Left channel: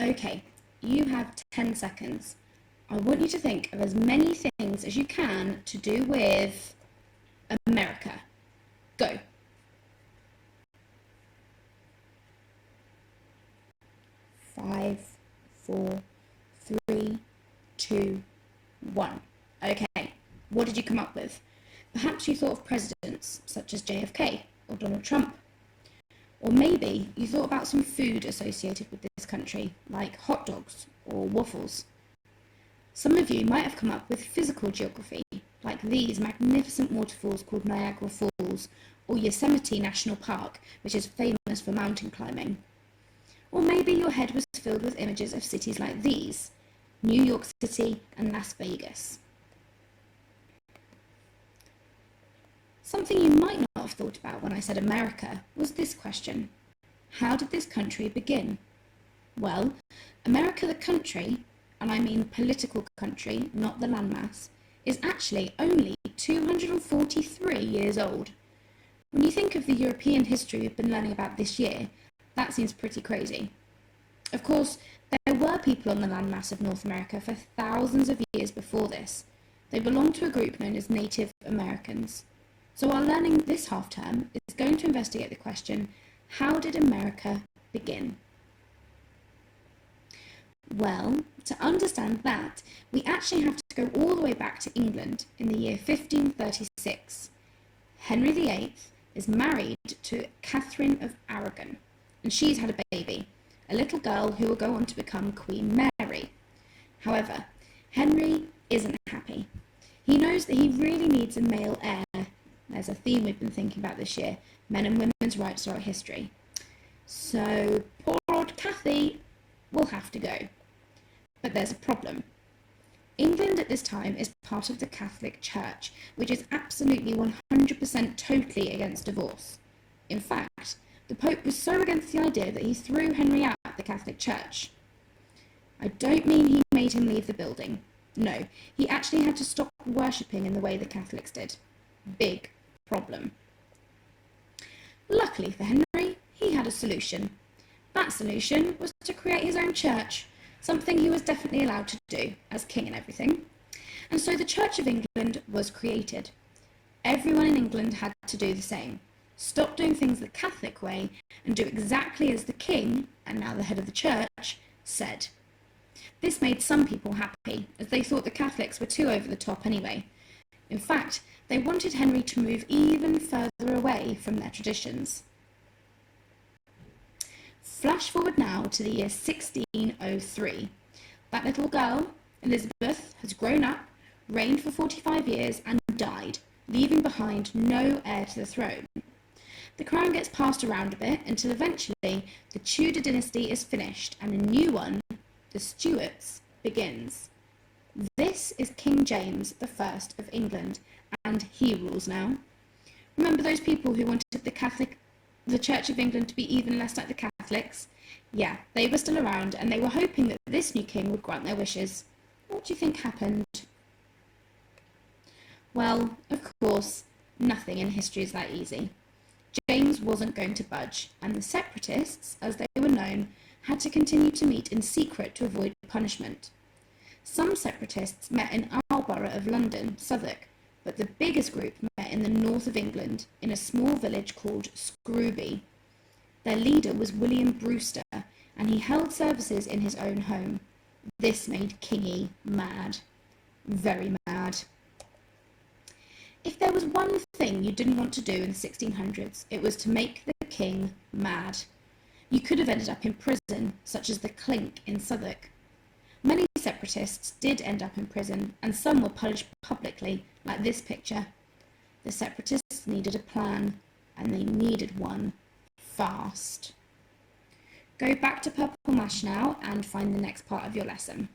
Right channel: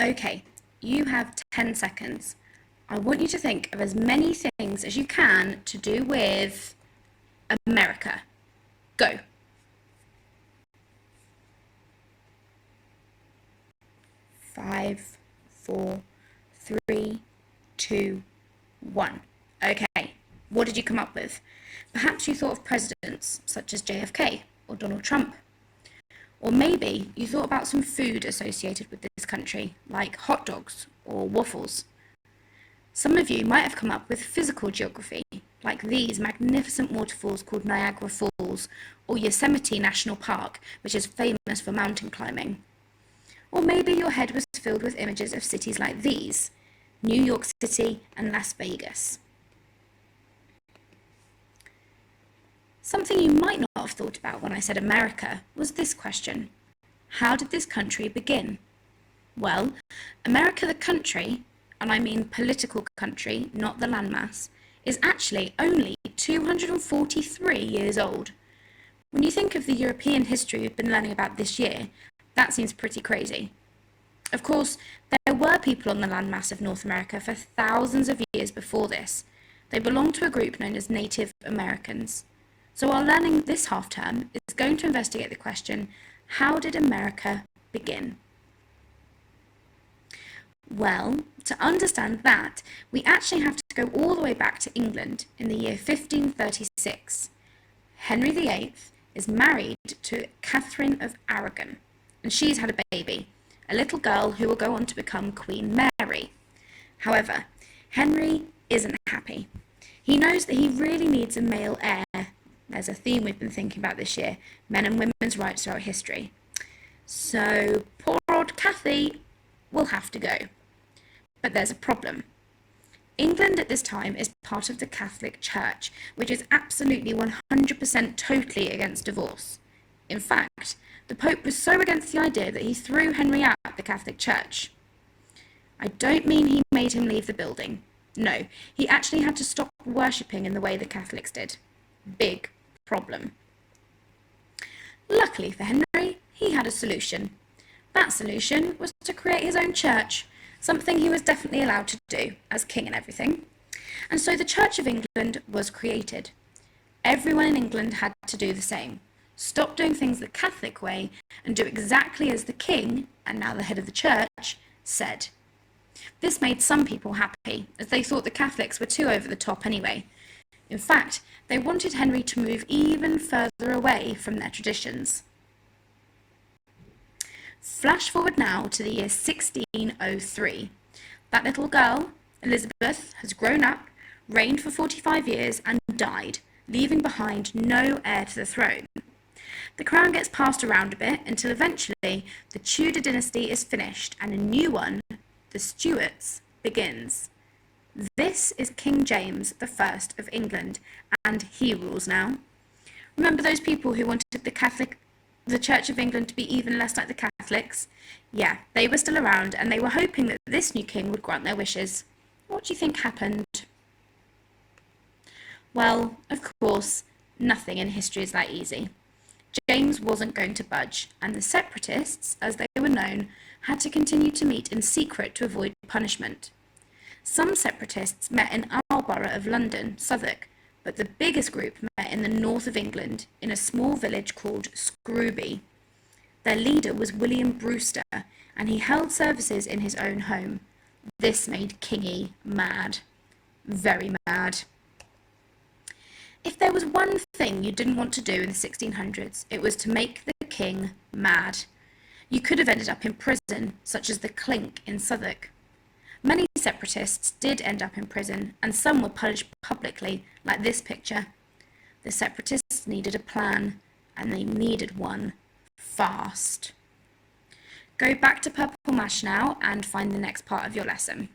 Okay, you have 10 seconds. I want you to think of as many things as you can to do with America. Go. 5, 4, 3, 2, 1. Okay, what did you come up with? Perhaps you thought of presidents such as JFK or Donald Trump. Or maybe you thought about some food associated with this country, like hot dogs or waffles. Some of you might have come up with physical geography, like these magnificent waterfalls called Niagara Falls, or Yosemite National Park, which is famous for mountain climbing. Or maybe your head was filled with images of cities like these, New York City and Las Vegas. Something you might not have thought about when I said America was this question. How did this country begin? Well, America the country, and I mean political country, not the landmass, is actually only 243 years old. When you think of the European history we've been learning about this year, that seems pretty crazy. Of course, there were people on the landmass of North America for thousands of years before this. They belonged to a group known as Native Americans. So our learning this half term is going to investigate the question, how did America begin? Well, to understand that, we actually have to go all the way back to England in the year 1536. Henry VIII is married to Catherine of Aragon, and she's had a baby, a little girl who will go on to become Queen Mary. However, Henry isn't happy. He knows that he really needs a male heir. There's a theme we've been thinking about this year, men and women's rights throughout history. So poor old Cathy will have to go. But there's a problem. England at this time is part of the Catholic Church, which is absolutely 100% totally against divorce. In fact, the Pope was so against the idea that he threw Henry out of the Catholic Church. I don't mean he made him leave the building. No, he actually had to stop worshipping in the way the Catholics did. Big problem. Luckily for Henry, he had a solution. That solution was to create his own church, something he was definitely allowed to do, as king and everything. And so the Church of England was created. Everyone in England had to do the same. Stop doing things the Catholic way and do exactly as the king, and now the head of the church, said. This made some people happy, as they thought the Catholics were too over the top anyway. In fact, they wanted Henry to move even further away from their traditions. Flash forward now to the year 1603. That little girl, Elizabeth, has grown up, reigned for 45 years and died, leaving behind no heir to the throne. The crown gets passed around a bit until eventually the Tudor dynasty is finished and a new one, the Stuarts, begins. This is King James I of England, and he rules now. Remember those people who wanted the Church of England to be even less like the Catholics? Yeah, they were still around, and they were hoping that this new king would grant their wishes. What do you think happened? Well, of course, nothing in history is that easy. James wasn't going to budge, and the Separatists, as they were known, had to continue to meet in secret to avoid punishment. Some Separatists met in our borough of London, Southwark, but the biggest group met in the north of England, in a small village called Scrooby. Their leader was William Brewster, and he held services in his own home. This made Kingy mad. Very mad. If there was one thing you didn't want to do in the 1600s, it was to make the king mad. You could have ended up in prison, such as the Clink in Southwark. Many Separatists did end up in prison, and some were punished publicly, like this picture. The Separatists needed a plan, and they needed one fast. Go back to Purple Mash now and find the next part of your lesson.